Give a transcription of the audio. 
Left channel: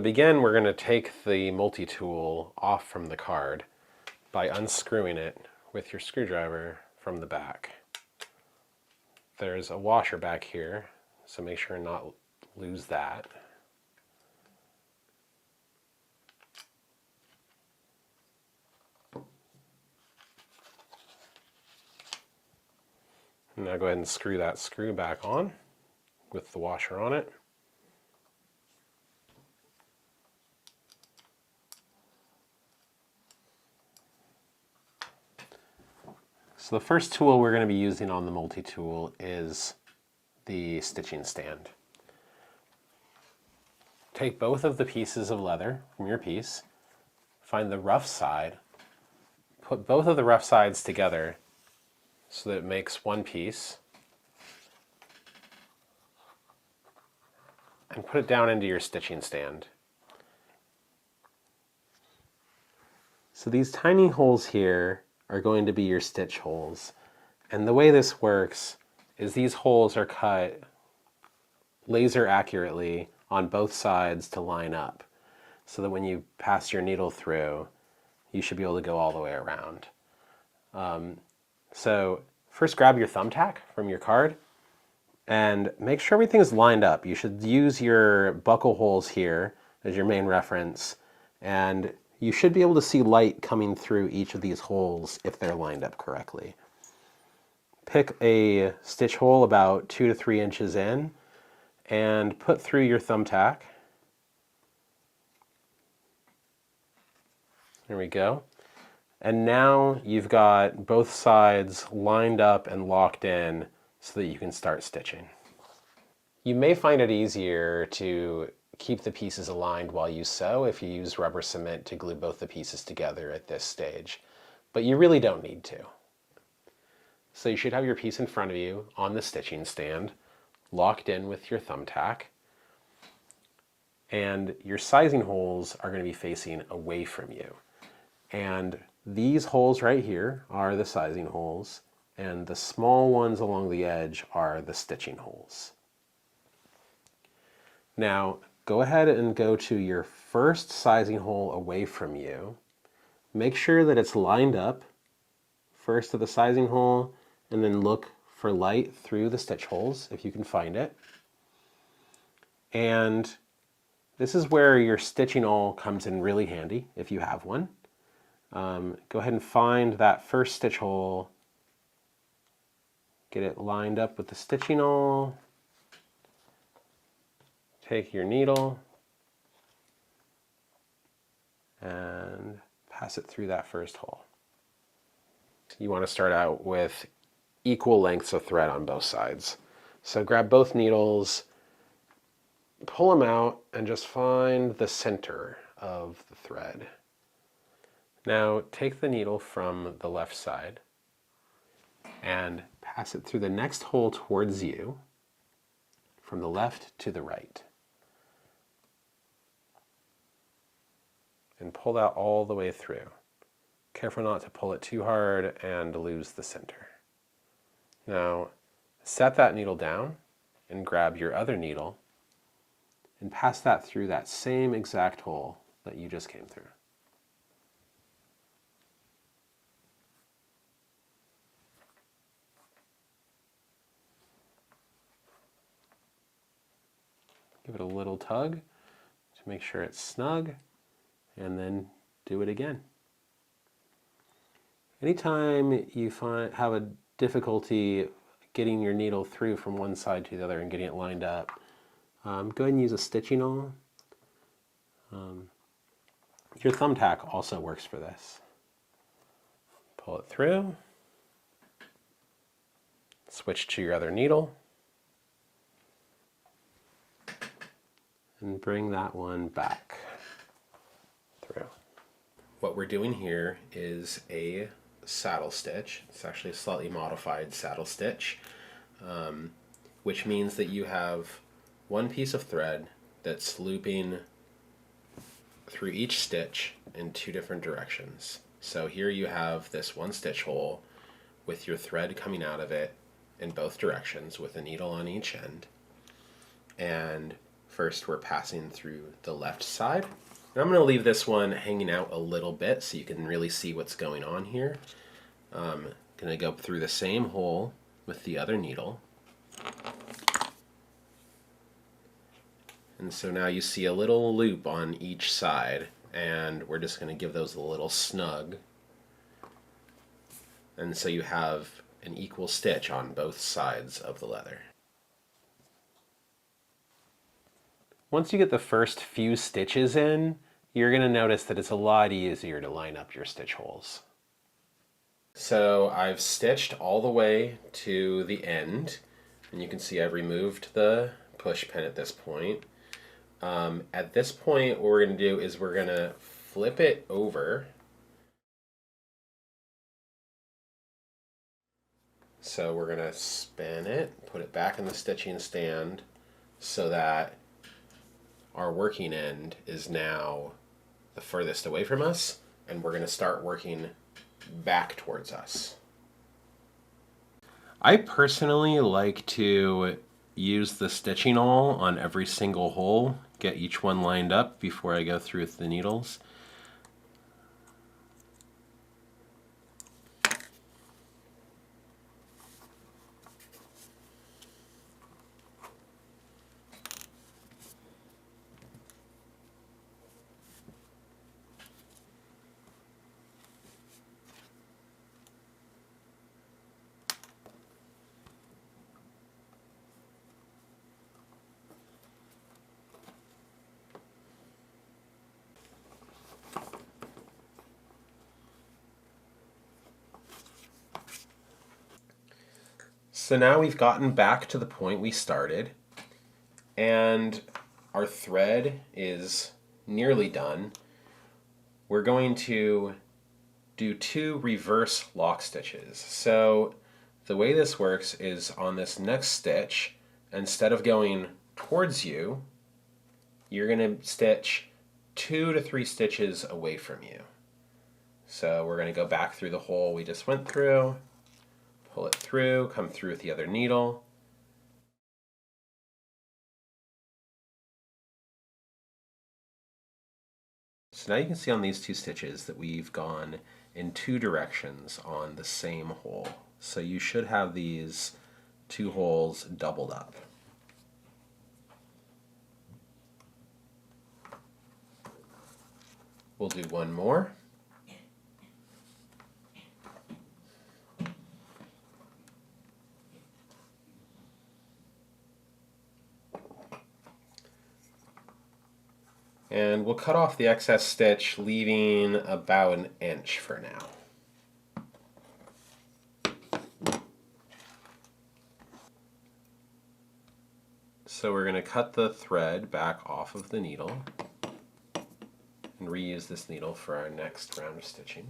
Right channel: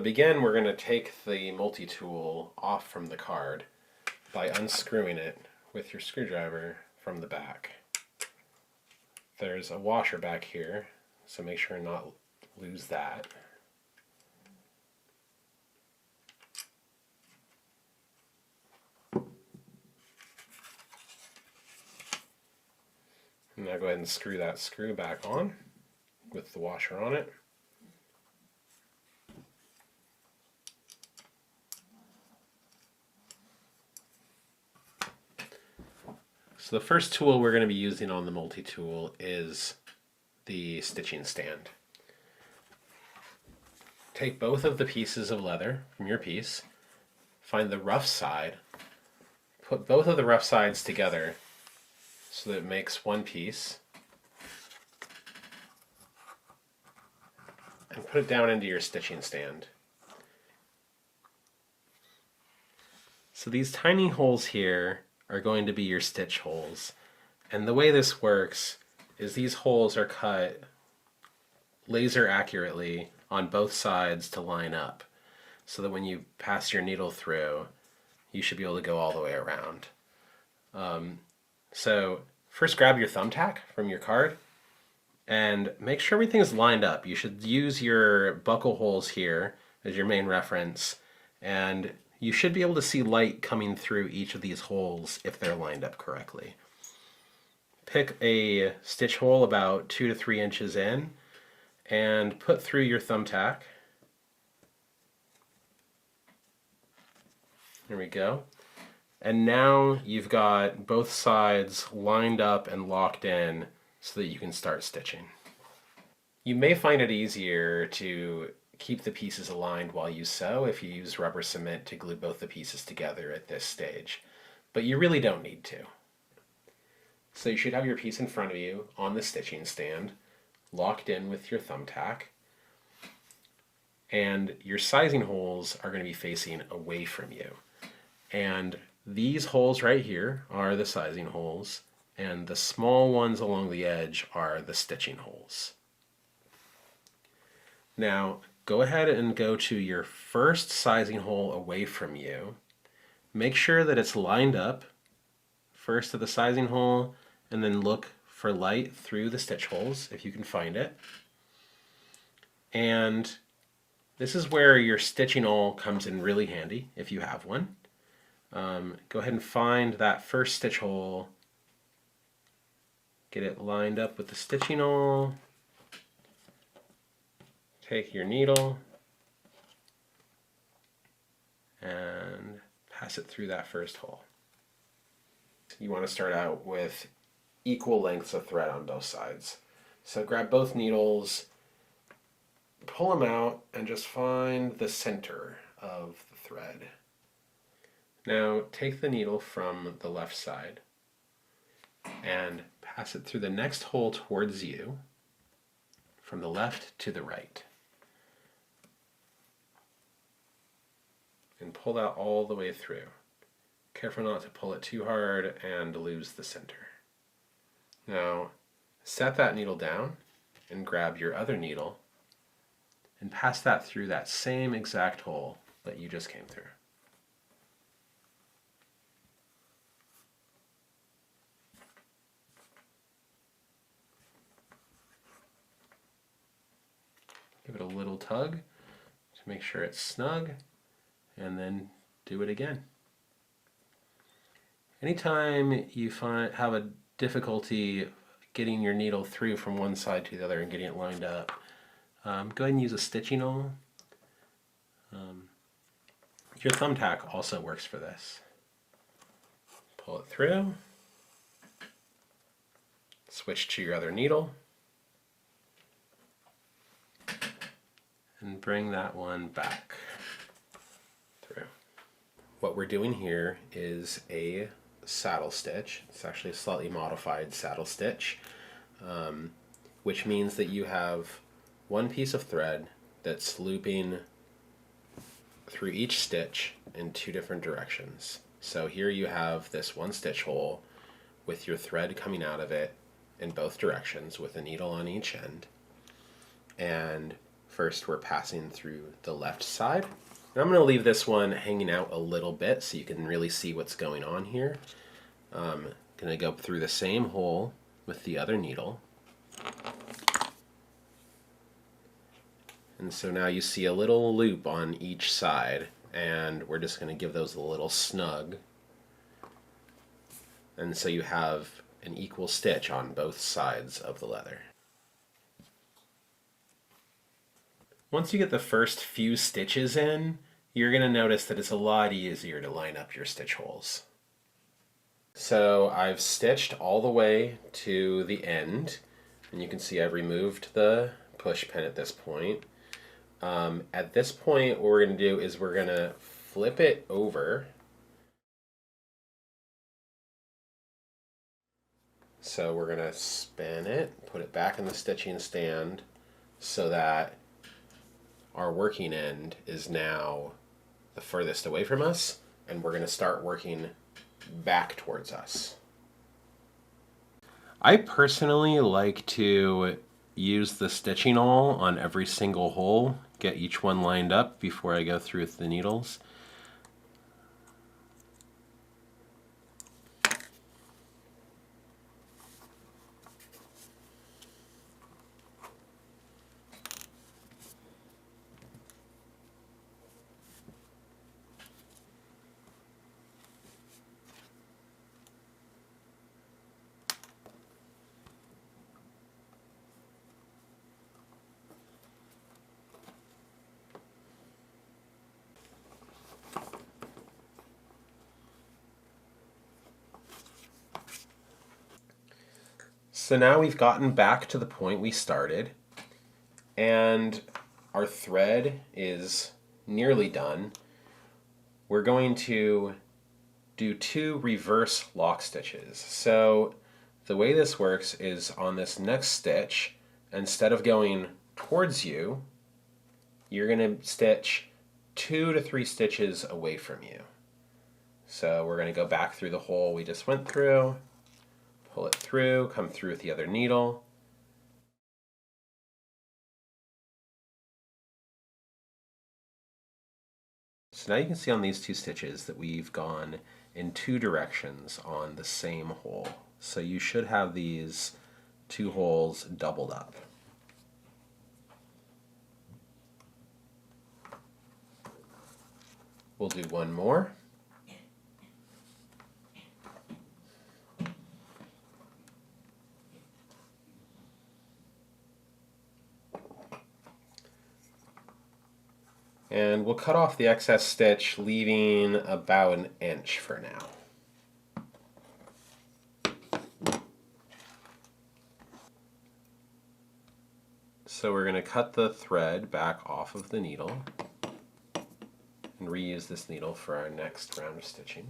To begin, we're going to take the multi-tool off from the card by unscrewing it with your screwdriver from the back. There's a washer back here, so make sure not lose that. Now go ahead and screw that screw back on with the washer on it. So the first tool we're going to be using on the multi-tool is the stitching stand. Take both of the pieces of leather from your piece, find the rough side, put both of the rough sides together so that it makes one piece, and put it down into your stitching stand. So these tiny holes here are going to be your stitch holes. And the way this works is these holes are cut laser accurately on both sides to line up, so that when you pass your needle through, you should be able to go all the way around. So first grab your thumbtack from your card and make sure everything is lined up. You should use your buckle holes here as your main reference, and you should be able to see light coming through each of these holes if they're lined up correctly. Pick a stitch hole about 2 to 3 inches in and put through your thumbtack. There we go. And now you've got both sides lined up and locked in so that you can start stitching. You may find it easier to keep the pieces aligned while you sew if you use rubber cement to glue both the pieces together at this stage, but you really don't need to. So you should have your piece in front of you on the stitching stand, locked in with your thumbtack, and your sizing holes are going to be facing away from you. And these holes right here are the sizing holes, and the small ones along the edge are the stitching holes. Now, go ahead and go to your first sizing hole away from you. Make sure that it's lined up first to the sizing hole, and then look for light through the stitch holes if you can find it. And this is where your stitching awl comes in really handy if you have one. Go ahead and find that first stitch hole, get it lined up with the stitching awl, take your needle and pass it through that first hole. You want to start out with equal lengths of thread on both sides. So grab both needles, pull them out, and just find the center of the thread. Now take the needle from the left side and pass it through the next hole towards you, from the left to the right. And pull that all the way through. Careful not to pull it too hard and lose the center. Now, set that needle down and grab your other needle and pass that through that same exact hole that you just came through. Give it a little tug to make sure it's snug, and then do it again. Anytime you have a difficulty getting your needle through from one side to the other and getting it lined up, go ahead and use a stitching awl. Your thumbtack also works for this. Pull it through, switch to your other needle, and bring that one back through. What we're doing here is a saddle stitch. It's actually a slightly modified saddle stitch, which means that you have one piece of thread that's looping through each stitch in 2 different directions. So here you have this one stitch hole with your thread coming out of it in both directions with a needle on each end. And First, we're passing through the left side. And I'm going to leave this one hanging out a little bit so you can really see what's going on here. I'm going to go through the same hole with the other needle. And so now you see a little loop on each side, and we're just going to give those a little snug. And so you have an equal stitch on both sides of the leather. Once you get the first few stitches in, you're going to notice that it's a lot easier to line up your stitch holes. So I've stitched all the way to the end, and you can see I've removed the push pin at this point. At this point, what we're going to do is we're going to flip it over. So we're going to spin it, put it back in the stitching stand so that our working end is now the furthest away from us, and we're going to start working back towards us. I personally like to use the stitching awl on every single hole, get each one lined up before I go through with the needles. So now we've gotten back to the point we started, and our thread is nearly done. We're going to do 2 reverse lock stitches. So the way this works is on this next stitch, instead of going towards you, you're going to stitch 2 to 3 stitches away from you. So we're going to go back through the hole we just went through, pull it through, come through with the other needle. So now you can see on these 2 stitches that we've gone in 2 directions on the same hole. So you should have these 2 holes doubled up. We'll do one more. And we'll cut off the excess stitch, leaving about 1 inch for now. So we're going to cut the thread back off of the needle and reuse this needle for our next round of stitching.